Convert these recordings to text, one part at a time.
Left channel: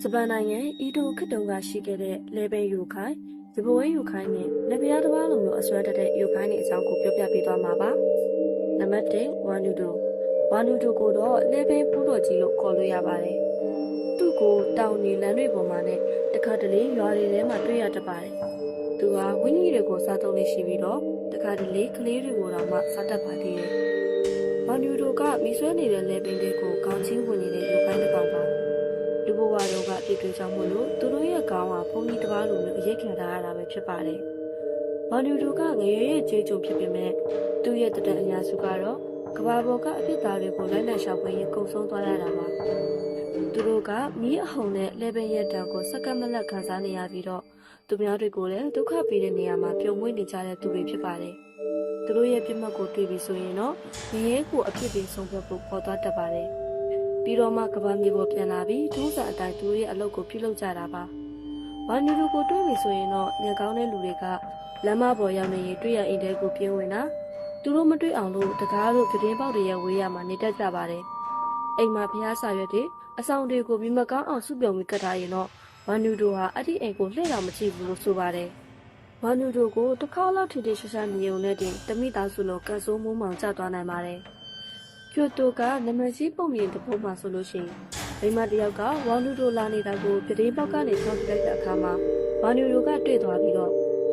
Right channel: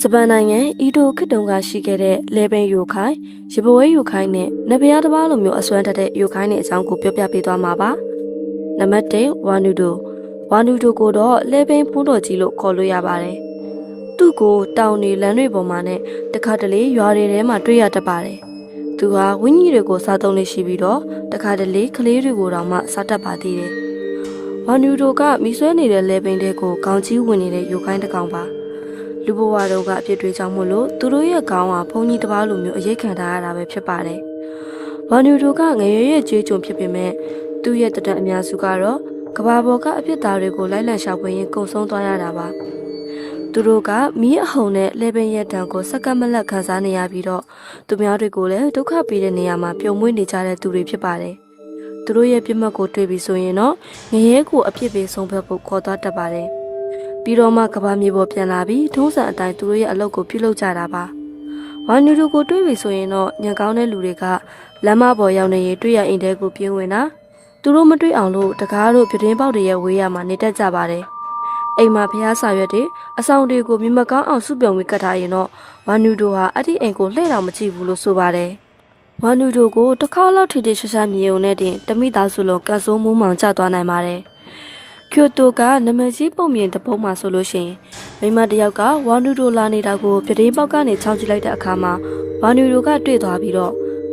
ဂျပန်နိုင်ငံအီတိုခေတ်တုန်းကရှိခဲ့တဲ့လေပင်ယိုခိုင်ရပဝဲယိုခိုင်နဲ့နဘယာတစ်ပါးလိုမျိုးအစွမ်းတက်တဲ့ယိုခိုင်နဲ့အကြောင်းကိုပြောပြပေးသွားမှာပါနံပါတ်1ဝါနူဒိုကိုတော့လေပင်ဖူးတော်ကြီးလို့ခေါ်လို့ရပါတယ်သူ့ကိုတောင်နေလမ်းတွေပေါ်မှာနဲ့တခါတလေရွာတွေထဲမှာတွေ့ရတတ်ပါတယ်သူဟာဝင်းကြီးတွေကိုစားသုံးနေရှိပြီးတော့တခါတလေကလေးတွေကိုတောင်မှစားတတ်ပါသေးတယ်ဝါနူဒိုကမိဆွဲနေတဲ့လေပင်တွေကိုခေါင်းကြီးဝင်နေတဲ့ယိုခိုင်တစ်ကောင်ပါလူဘဝတို့ကအပြစ်တွေကြောင့်မို့လို့သူတို့ရဲ့ခေါင်းဟာဘုံကြီးတစ်ပါးလိုမျိုးအရေးခံထားရတာပဲဖြစ်ပါတယ်။ဝါနူတို့ကငရဲရဲ့ကြွေးကြုံဖြစ်ပေမဲ့သူ့ရဲ့တတန်အများစုကတော့ကဘာပေါ်ကအပြစ်သားတွေကိုလိုက်လံရှာဖွေရင်းကုံဆုံးသွားရတာပါ။သူတို့ကမီးအဟုန်နဲ့လေပင်ရဲ့တံကိုစက္ကန့်မလက်ခံစားနေရပြီးတော့သူများတွေကိုလည်းဒုက္ခပေးတဲ့နေရာမှာပြုံမွေးနေကြတဲ့သူတွေဖြစ်ပါတယ်။သူတို့ရဲ့ပြစ်မှတ်ကိုတွေ့ပြီးဆိုရင်တော့ငရဲကိုအပြစ်ပေးဆုံးဖြတ်ဖို့ခေါ်သွားတတ်ပါတယ်။ပြီးတော့မှကဘာမြေပေါ်ပြန်လာပြီးထုံးစံအတိုင်းသူတို့ရဲ့အလုပ်ကိုပြုလုပ်ကြတာပါ။ဝါနူတို့ကိုတွေးပြီဆိုရင်တော့ညံကောင်းတဲ့လူတွေကလမ်းမပေါ်ရောက်နေရင်တွေ့ရအိမ်တဲကိုပြင်းဝင်တာသူတို့မတွေ့အောင်လို့တကားတို့ပြတင်းပေါက်တွေရဲ့ဝေးရမှာနေတတ်ကြပါတယ်။အိမ်မှာဖျားစာရွက်တွေအဆောင်တွေကိုမြမကောင်းအောင်စုပြုံပြီးကတ်ထားရင်တော့ဝါနူတို့ဟာအဲ့ဒီအိမ်ကိုလှည့်တော်မကြည့်ဘူးလို့ဆိုပါတယ်။ဝါနူတို့ကိုတစ်ခါလောက်ထိထိရှာရှာမြေုံနဲ့တင်တမိသားစုလုံးကတ်ဆိုးမူးမှောင်ကျသွားနိုင်ပါတယ်။ကျိုတိုကနမကြီးပုံမြင်တပုံးမှာဆိုလို့ရှိရင်မိမတယောက်ကဝါနူဒိုလာနေတာကိုပြတင်းပေါက်ကနေချောင်းကြည့်လိုက်တဲ့အခါမှာဝါနူဒိုကတွေ့သွားပြီးတော့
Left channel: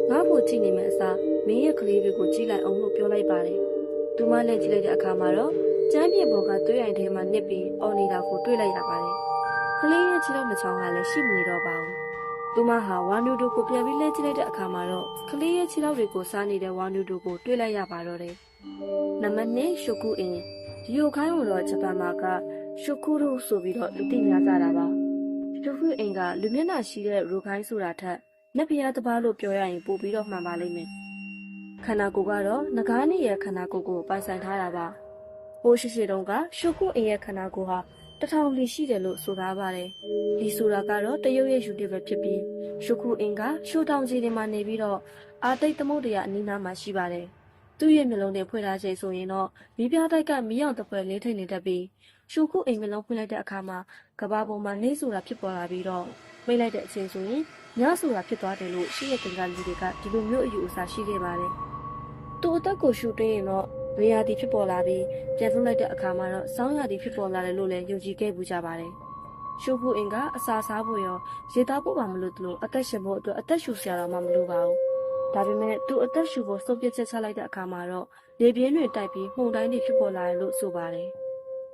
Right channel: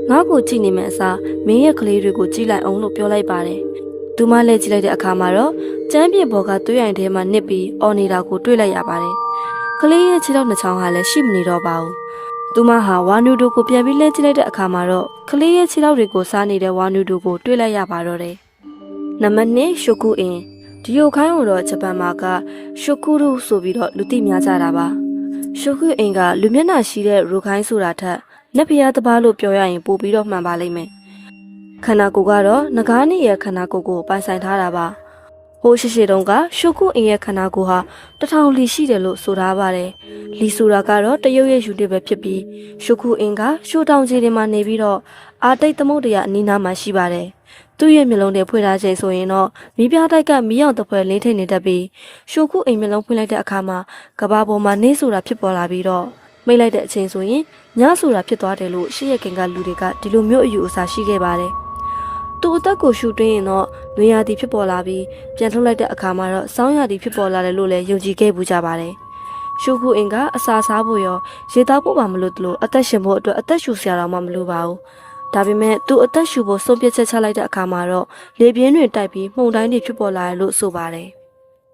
ငါ့ကိုကြည့်နေမယ့်အစားမင်းရဲ့ကလေးတွေကိုကြည့်လိုက်အောင်လို့ပြောလိုက်ပါတယ်။သူမလည်းကြည့်လိုက်တဲ့အခါမှာတော့ကျမ်းပြေဘော်ကသွေးရိုင်ထဲမှာနစ်ပြီးအော်နေတာကိုတွေ့လိုက်ရပါတယ်။ကလေးရဲ့ခြေထောက်နှစ်ချောင်းဟာလည်းရှိမနေတော့ပါဘူး။သူမဟာဝါနူဒိုကိုပြန်ပြီးလဲကြည့်လိုက်တဲ့အခါမှာတော့ကလေးရဲ့ခြေထောက်တွေကိုစားနေတဲ့ဝါနူဒိုကိုတွေ့လိုက်ရပါတော့တယ်။နံပါတ်2ရှုကူအင်းဒီယိုခိုင်းကိုတော့ဂျပန်မှာကရှုကူရုဆိုပြီးတော့လူသိများကြတာပါရှုကူအင်ကလူမျက်နှာရှိတဲ့ရူခိုင်းဆိုတာထက်နက်ဖျားတပားလို့ပြောရရင်ပိုပြီးတော့မှန်ပါလိမ့်မယ်ခန္ဓာကိုယ်ကတော့ငကားနေရဲ့ခန္ဓာကိုယ်ကိုပိုင်ဆိုင်ထားတာပါဟိုးရှိတုန်းကရှုကူအင်ရဲ့ခန္ဓာကိုယ်ဟာ1000လီရှိတယ်လို့ဆိုထားပါတယ်လီဆိုတာကတော့တရုတ်ရဲ့ယူနစ်ပဲဖြစ်ပြီးရှုကူအင်ကရှိုးတောင်ကြီးတွေမှာနေပြီးတော့အာတိတ်သမုဒ္ဒရာအနီးနားမှာရှိပါတယ်သူ့ရဲ့မျက်လုံးတွေဖွင့်ထားချိန်ဆိုရင်တော့မီးပြားတိုက်ကမီးရောင်တစ်ဖွဲလင်းထိန်နေတတ်ပြီးရှုခုအိမ်မျက်လုံးဖွင့်လိုက်တဲ့အခါမှာကဘာပေါ်မှာနေဆိုတာဖြစ်ပေါ်လာပြီးတော့မိတ်လိုက်တဲ့အချိန်ဆိုရင်ညဆိုတာဖြစ်သွားတယ်လို့ရှေ့ရခင်ကလူတွေကဒီလိုမျိုးအယူအဆရှိခဲ့ပါတယ်။သူ့အသက်ကိုရှူတွင်းရင်တော့နွေရာသီဖြစ်ပေါ်လာပြီးပြန်ထုတ်လိုက်တဲ့အခါမှာတော့ဆောင်းရာသီဖြစ်ပေါ်လာတယ်လို့လည်းယုံကြည်ခဲ့ပူကြပါတယ်။ရှုခုအိမ်ကအစာစားဖို့ရောရေတောက်ဖို့ပါမလို့တလို့အသက်ရှင်ဖို့အတွက်အသက်ရှူစရာတော့မှမလိုပါဘူး။ဒါပေမဲ့သူအသက်ရှူဖို့ဆုံးဖြတ်ချက်ချလိုက်တဲ့အခါမှာတော့လေပြင်းတွေတိုက်ပြီးမှုန်တိုင်းတွေဖြစ်ပေါ်လာတယ်လို့ဆိုပါတယ်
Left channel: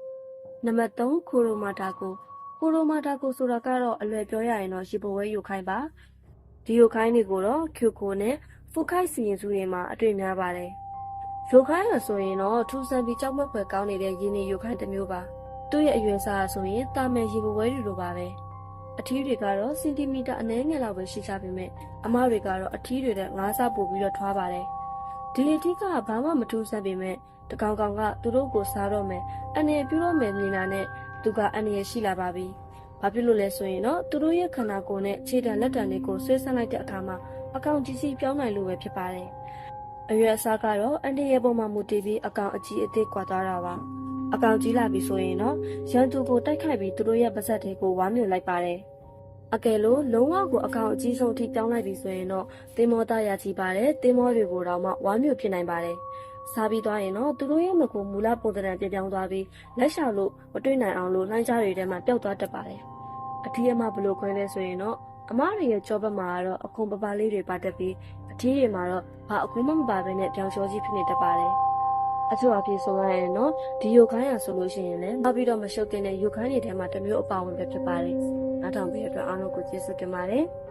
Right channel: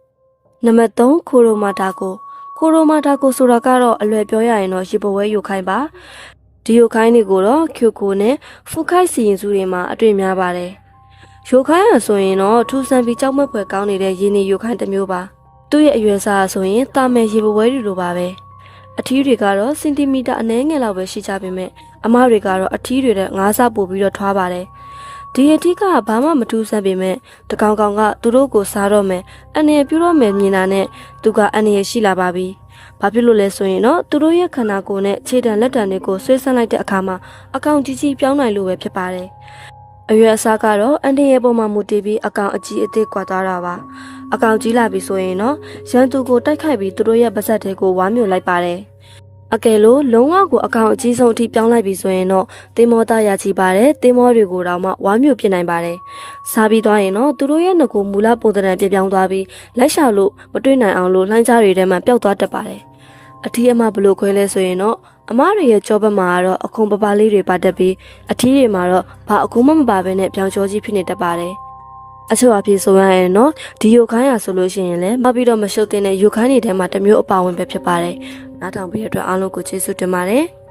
။နံပါတ်3ခိုရိုမာတာကိုဆိုတာကတော့အလွယ်ပြောရရင်တော့ရေပဝဲယိုခိုင်းပါ။ဒီယိုခိုင်းတွေကိုတော့ကျိုကိုနဲ့ဖူခိုက်စီရင်စုတွေမှာအတွေ့များပါတယ်။ယိုခိုင်းရဆိုရင်တော့ထူဆန်ပြီးကြောက်မက်ဖွယ်ကောင်းနေတဲ့ရင်းနေယိုခိုင်းတစ်မျိုးပါ။သူ့ရဲ့အရွယ်စားဆိုရင်တာမယ်ရေပဝဲတွေလိုပါပဲ။အထီးတွေကတော့စင်တီမီတာအနည်းငယ်လောက်ပဲရှိကြပေမဲ့အမတွေကတော့အထီးတွေနဲ့9ဆပို့ပြီးတော့ထွားပါတယ်။ဒီအထီးကဘာမှမထူးဆန်းပေမဲ့တကောင်ကောင်ကသူတို့ကိုစားတော့မယ်အန်ရပြူတော့မယ်မြင်တာနဲ့သူကအန်ရရှိလာပါပြီ။ဘာဖြစ်လို့လဲဆိုရင်တော့သူတို့ရဲ့ခန္ဓာကိုယ်နဲ့ခြေတံလက်တံတွေကိုဆွဲဆန့်လိုက်တဲ့အခါမှာအကောင်ကြီးကြီးပြောင်းနိုင်လို့ပဲဖြစ်ပါတယ်။အရွယ်အစားကတော့အန်ရရဲ့ပုံမှာမူတည်ပြီးအကောင်အကြီးအသေးကွာသွားတာပါ။အကောင်ကြီးလာပြီဆိုရင်တော့ရန်သူကိုတိုက်ခိုက်ပြီးသူတို့ရဲ့ပါဇက်တွေကိုဝါမျိုးလိုက်ပါတယ်။အကယ်လို့လုံးဝကိုအကောင်အကြီးဆုံးအထိပြောင်းလိုက်ပြီဆိုရင်တော့သေမောသားရချီပါတယ်သေမောတွေကိုတော့မှဝါမျိုးပြစ်နိုင်ပါတယ်စားပြီးသွားရင်တော့သူတို့ရဲ့ငကိုမူလပုံသဏ္ဍာန်ပြပြောင်းသွားပြီးလက်ရှာလို့မတွေ့နိုင်အောင်လို့လှိုင်းကြားတွေထဲမှာပျောက်သွားတတ်ပါတယ်အထီးအမဘလို့ခွဲလဲဆိုရင်တော့အမတွေရဲ့ကြောဘက်မှာကတော့အခုံပပလေးတွေပါတတ်ပြီးအထီးတွေမှာတော့ဘာအခုံမပါဘဲနဲ့ပြောင်းကျော်ကြီးဖြစ်နေတတ်ပါတယ်အချို့အဖြစ်ဆိုရရင်တော့ဒီယိုခိုင်းရဆိုလို့ရှိရင်လည်းမပြီးတော့မရှုပ်တဲ့ယိုခိုင်းတွေထဲမှာတစ်မျိုးအပါဝင်ပဲဖြစ်ပါတယ်။နားထောင်ပေးတဲ့အတွက်အားလုံးကိုကျေးဇူးတင်ပါတယ်။